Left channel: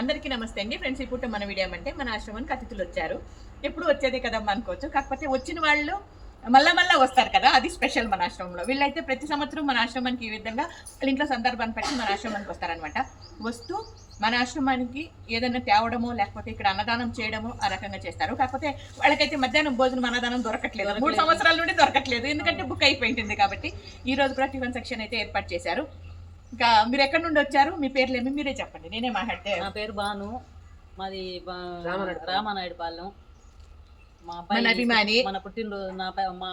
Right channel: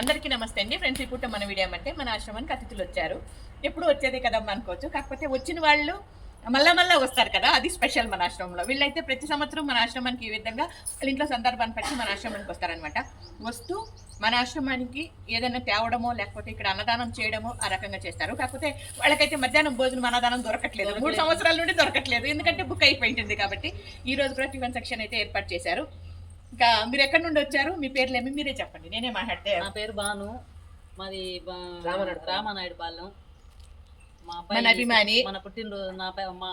అందరికీ నమస్తే అండి ఫ్రెండ్స్. ఇప్పుడు మన వీడియో అంటే మన ఆశ్రమానికి అతిథులు వచ్చారు. ఎప్పుడు వచ్చేది కదమ్మా అనుకోవచ్చు, కాకపోతే వచ్చిన వాళ్ళు మళ్ళా వస్తారు కదా, అది స్పెషల్ మన ఆశ్రమంలో. వీళ్ళైతే ప్రతి సంవత్సరం మన ఆశ్రమానికి ఈ విధంగా వాళ్ళ ఇంట్లో సందర్భాన్ని బట్టి మన ఆశ్రమానికి వస్తారనమాట. వస్తూ మన ఆశ్రమానికి ఏదైనా తేవడమో లేకపోతే ఇక్కడ అన్నదానం చేయడమో ఆ రకంగా చేస్తారు. కాకపోతే వాళ్ళకైతే మధ్యాహ్నం భోజనం అన్నదానం దొరకట్లేదు, 3 సంవత్సరాల నుండి దొరకట్లేదు, ఎందుకంటే బుక్ అయిపోయింది. కాబట్టి ఈ రోజు కూడా టిఫిన్ సెక్షన్ అయితే ఏర్పాటు చేశారు. ఇంకా మీరు ఎక్కడి నుండి వచ్చారు, మీ పేర్లు ఏమి మీరే చెప్పండి, నేనే మాట్లాడితే. నా పేరు భాను, మాది రామానాయుడు పాలెం. మా మన అభిమాని మన పుట్టినరోజు మా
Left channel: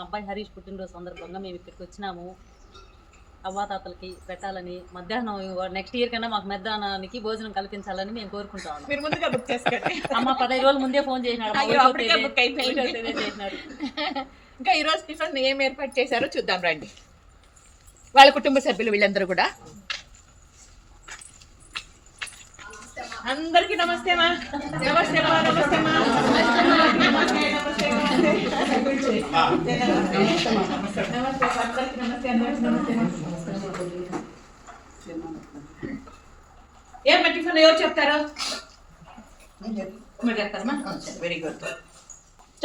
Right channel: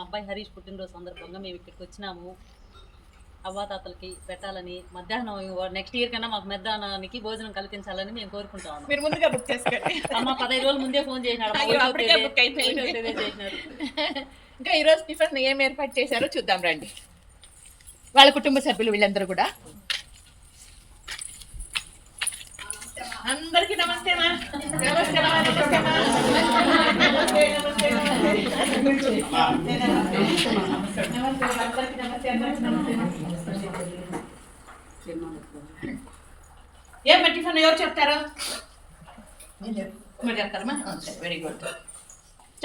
అబ్బాయి హరీష్ పుట్టినరోజు సందర్భంగా మేము ఇక్కడికి వచ్చినాము. అవ్వాతాతలకి పెట్టాలని, మధ్యాహ్నం నెక్స్ట్ ఇయర్ కన్నా మాకు మధ్యాహ్నానికి భోజనం కల్పించాలని మేము కోరుకుంటాము. మీరు ముందుగా బుక్ చేసుకోండి. అమ్మ 15 రోజుల ముందే ఫోన్ చేసినాడు. ఇంకా ఈరోజు టిఫిన్ ఏం ఏర్పాటు చేశారో చూద్దాం రండి. వాళ్ళ కుటుంబ సభ్యులు వీళ్ళందరూ కూడా. అందరికీ నమస్తే మా. నమస్తే మా. నమస్తే మా. ఏమ్మా టిఫిన్ ఎవరు చెప్తారు? మీరు చెప్తారమ్మా? వెరీ గుడ్,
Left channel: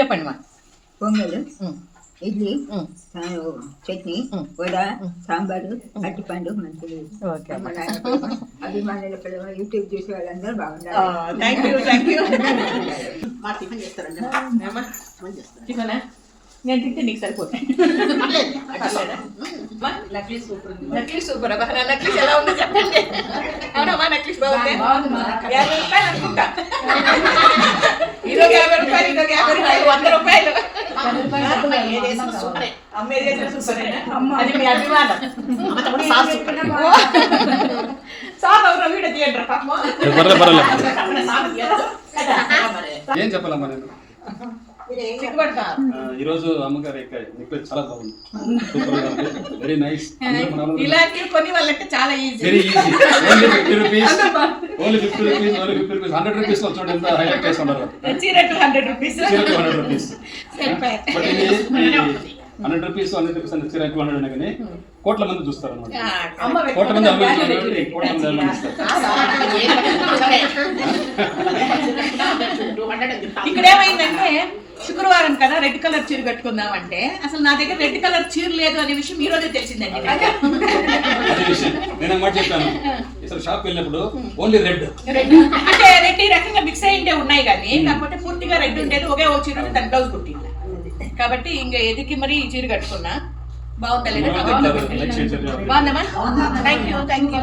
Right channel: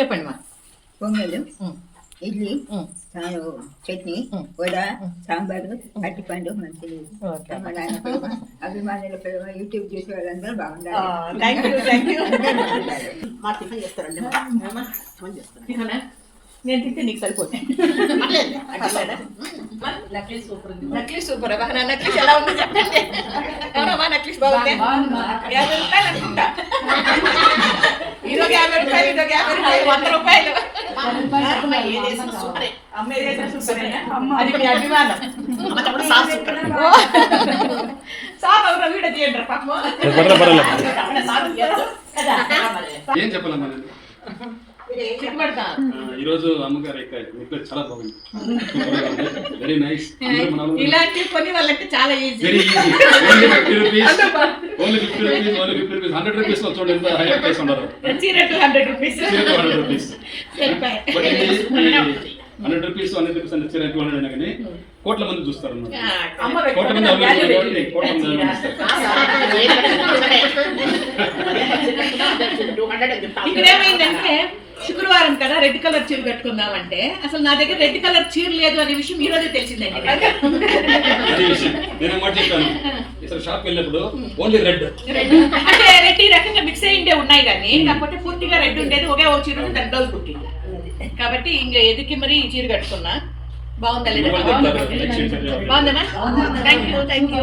చెప్పండి మా. పొంగలు, ఇడ్లీ, చట్నీ, వడ, సాంబారు, అరటిపండు, మంచిది. అభిమానుల పిల్లలు, యూట్యూబ్ చూసి వాళ్ళందరూ బాగుండాలి. నేను తింటే నీకు సరిపోతాయి. నక్లీస్ సూపర్ ఉంది. Necklace super. నక్లీస్ ఎలా ఉందో చెప్పండి. అవునమ్మా, నక్లీస్ బాగుంది. 50 రూపాయలు అనుకుంటా. ఇదొక 50 రూపాయలు, ఇదొక 50 రూపాయలు, 100 రూపాయలు. అది మీ అభిమానం. సార్ ఎవరో వీడియో తీయండి పాపం. ఏం చెప్పాలమ్మా నేను ఈరోజు అమ్మగారు మీకు చాలా బాగుంది, వెరీ నైస్. ఇలాంటివి కొని వాళ్ళంటే చాలా easy, very easy. Only 50 rupees 100 rupees లో చూడండి ఎంత హైలైట్ చేసి ఉన్నారు. చీర 200 రూపీస్. 100 రూపీస్ 100 రూపీస్ అని చీర 200 అయినా కానీ కోట్ల మంది చూస్తారు అన్నమాట. కోట్ల మంది ఇక్కడ ఏమైందంటే శుక్రవారం కదా, రెడ్ కలర్ చీర కట్టుకుందామంటే అసలు నా దగ్గర రెడ్ కలర్ చీర లేదు అనే విషయం ఈ రోజు తెలిసిందండి. నేను మాట చెప్పాను, అసలు షాప్ వెళ్ళినప్పుడు ఓన్లీ రెడ్ అంటే రెడ్ ఈ రకంగా మిక్స్ అయ్యిండే ఉన్నాయి కానీ కాకపోతే పూర్తిగా రెడ్ ఉండేది. ఒకే ఒక చీర దాని బ్లౌజ్ కుట్టింది కాబట్టి ఇంకా ఎదికి మరి ఈ చీర కట్టుకున్నా. బాగుందా లేదా? బాగుందమ్మా. Thank you.